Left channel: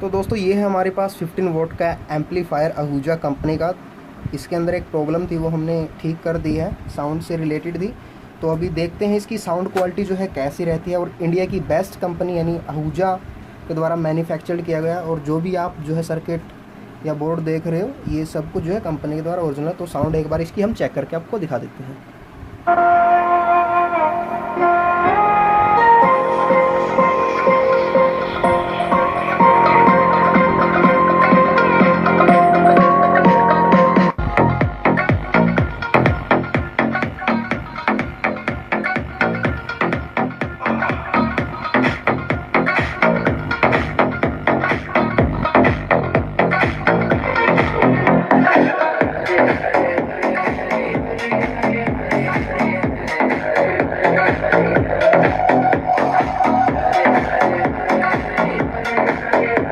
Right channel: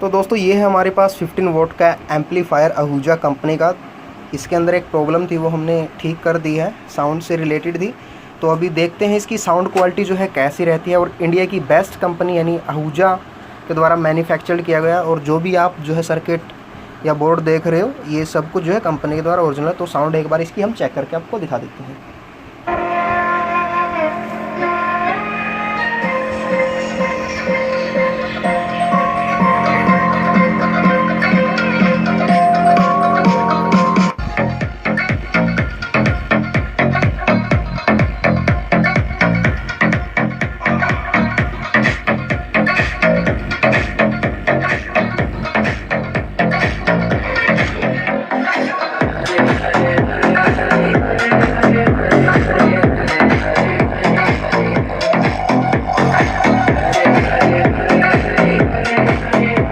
तो दोस्तों ये है हमारे पास 15 वोल्ट का एम्पलीफायर आहूजा कंपनी का। इसके अंदर एक प्रॉब्लम थी, वो हमने ठीक कर दी है, साउंड से रिलेटेड थी। तो अभी देखते हैं इसकी साउंड क्वालिटी जो है कैसी रहती है। और इंडिया की बेस्ट कंपनी यानी आहूजा के द्वारा मैन्युफैक्चर्ड किया गया, और जो भी आप जो है सर्किट या बोर्ड देख रहे हो ये सब कुछ जो है कंपनी के द्वारा ओरिजिनल। तो साउंड एक बार इसकी हम चेक करके आपको दिखा देते हैं।